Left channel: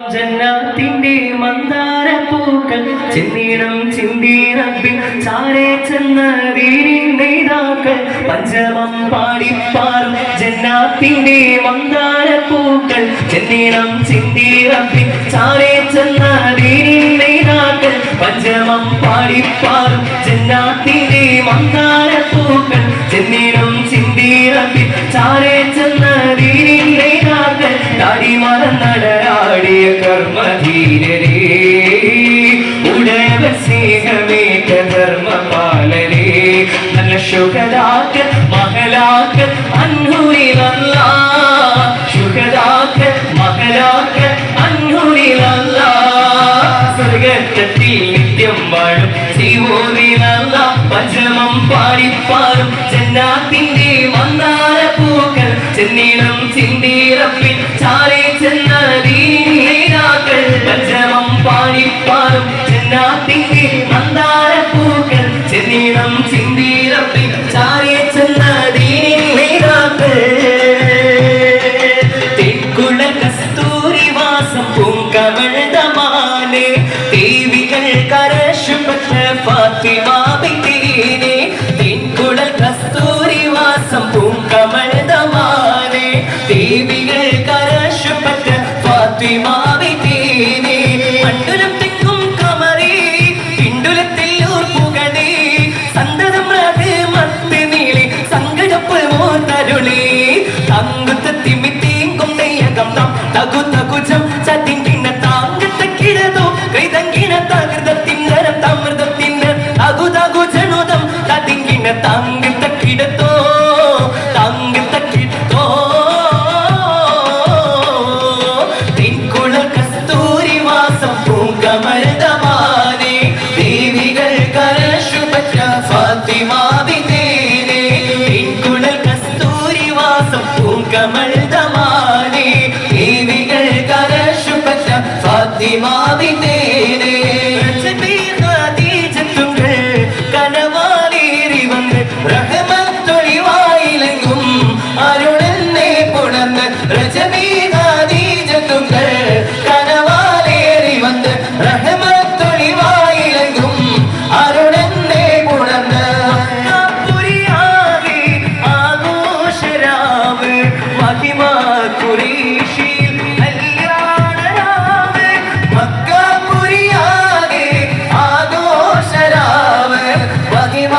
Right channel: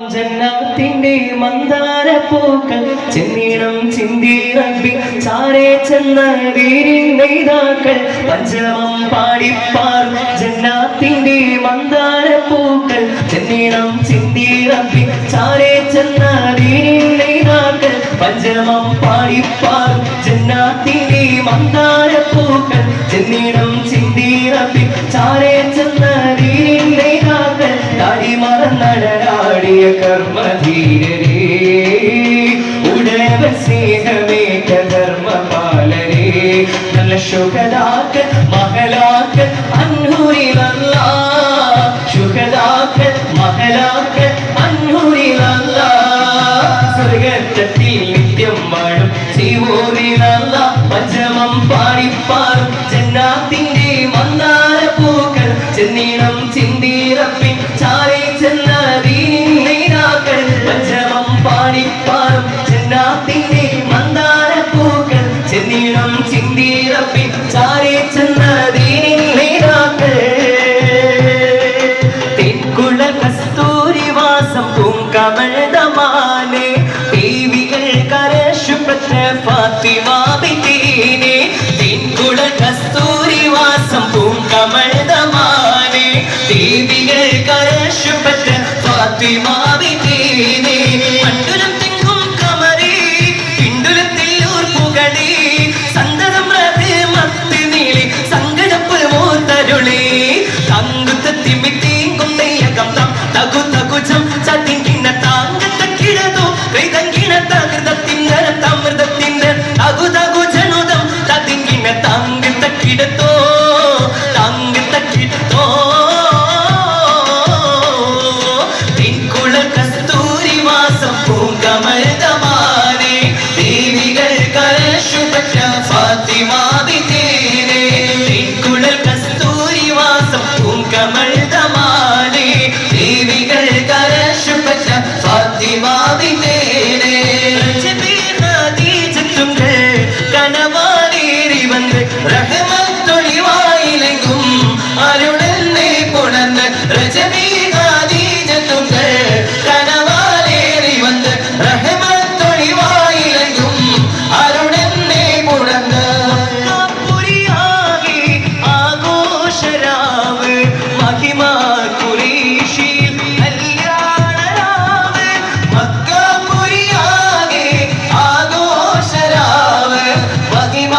ജന്നാത്തിന്റെ മന്ദാരപ്പൂക്കൾ ചെന്നീണം ചിന്തി റബ്ബി ചാരേ ചെന്ന വീരിനെയ്താക്കൾ പഞ്ചമം പാടിപ്പാറും ജന്നാത്തിന്റെ മന്ദാരപ്പൂക്കൾ ചെന്നീണം ചിന്തി റബ്ബി ചാരേ ചെന്ന വീരിനെയ്താക്കൾ പഞ്ചമം പാടിപ്പാറും ജന്നാത്തിന്റെ മന്ദാരപ്പൂക്കൾ ചെന്നീണം ചിന്തി റബ്ബി ചാരേ ചെന്ന വീരിനെയ്താക്കൾ താടി മറന്നടരാടിയ കർമ്മധീരരേ ഉടവ സ്നേഹമേറ്റ ധർമ്മപാലരേ നല്ല ശുഹദാക്കൾ മഹലാക്കൾ അൻഹുരിലല്ല ശുഹദാക്കൾ മഹലാക്കൾ അൻഹുരിലല്ല സ്വർഗത്തിൽ നിത്യം വാഴും ജീവോരിലല്ല പഞ്ചമം പാടിപ്പാറും ജന്നാത്തിന്റെ മന്ദാരപ്പൂക്കൾ ചെന്നീണം ചിന്തി റബ്ബിൻ ചാരേ ചെന്ന വീരിനെയ്താക്കൾ പഞ്ചമം പാടിപ്പാറും ജന്നാത്തിന്റെ മന്ദാരപ്പൂക്കൾ ചെന്നീണം ചിന്തി റബ്ബിൻ ചാരേ ചെന്ന വീരിനെയ്താക്കൾ തെക്കുള കസ്തൂരിവാസം പൂങ്കമഴ്തമാനെ ദേവികൾ കരശുപത്ര ഫാത്തിമ ബിബീനെ തെക്കുള കസ്തൂരിവാസം പൂങ്കമഴ്തമാനെ ദേവികൾ കരശുപത്ര ഫാത്തിമ ബിബീനെ അണ്ടുലം തെങ്ങും കമറി പിണ്ടുലത്തിൽ ഓർപ്പുകളെ സന്തതം റഹ്മത്ത് നീളി സങ്കടപ്പ് ഓർത്തരുളി തങ്കുത്തത്തിമിത്തേം കൊണ്ടയകം താം തകു തകുജം ചതിങ്കിന താങ്കത്ത കിടതോ കൈതങ്കിന തകൃതത്തിന്നരം തമൃതത്തിന്നരം തകു തകു ജനുദം തതിങ്കിന താങ്കത്ത കിടതോ താങ്കത്ത കിടതോ തെക്കുള കസ്തൂരിവാസം പൂങ്കമഴ്തമാനെ ദേവികൾ കരശുപറ്റ ഫാത്തിമ ബിബീനെ തെക്കുള കസ്തൂരിവാസം പൂങ്കമഴ്തമാനെ ദേവികൾ കരശുപറ്റ ഫാത്തിമ ബിബീനെ ഖദീജത്തുങ്കൾ കനവാലേറി വന്ന് റഹ്മത്തൊളിവായിലെങ്കും അരുളെന്നെ പുണർന്ന് രജബീ ഖദീജത്തുങ്കൾ കനവാലേറി വന്ന് റഹ്മത്തൊളിവായിലെങ്കും അരുളെന്നെ പുണർന്ന് പുരിയാകെ ആഘോഷരാവ് മഹിമ ഖുറൈശിൽ കല്യാണരാവ് മക്കപുരിയാകെ ആഘോഷരാവ് മഹിമ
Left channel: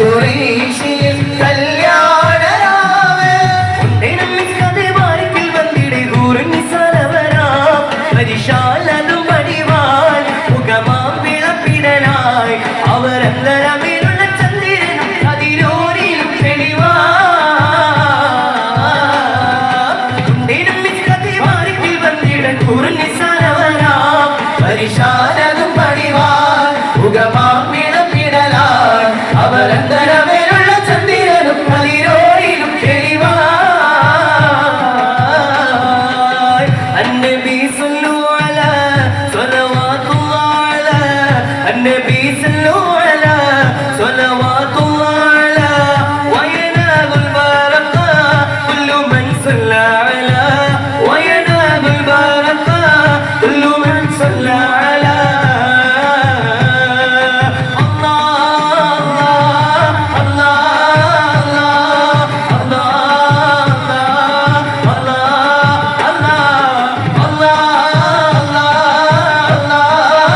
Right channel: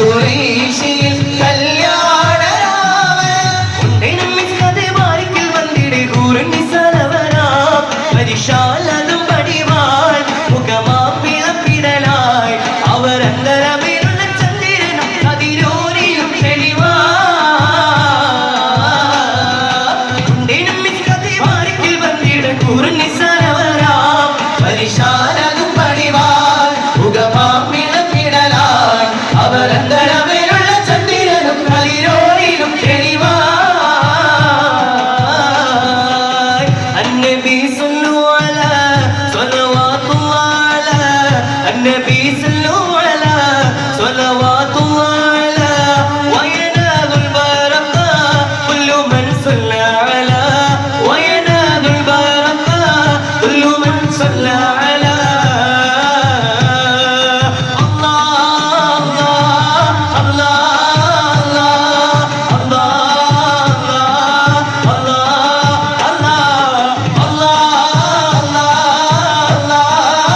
ഖുറൈശിൽ കല്യാണരാവ് ഉണ്ടേനം മിസ്കതെ ബാരിക്കിൽ വന്നിടെ കൂറുങ്ങി സലവരാ പരിശാലതും പടിവാൾ മുഖമാം വിളപ്പിടലായി അവരന്തരമേലുള്ള ചന്ദ്രനും അതിരോരിലും തെളിവാ ഉണ്ടേനം മിസ്കതെ ബാരിക്കിൽ വന്നിടെ കൂറുങ്ങി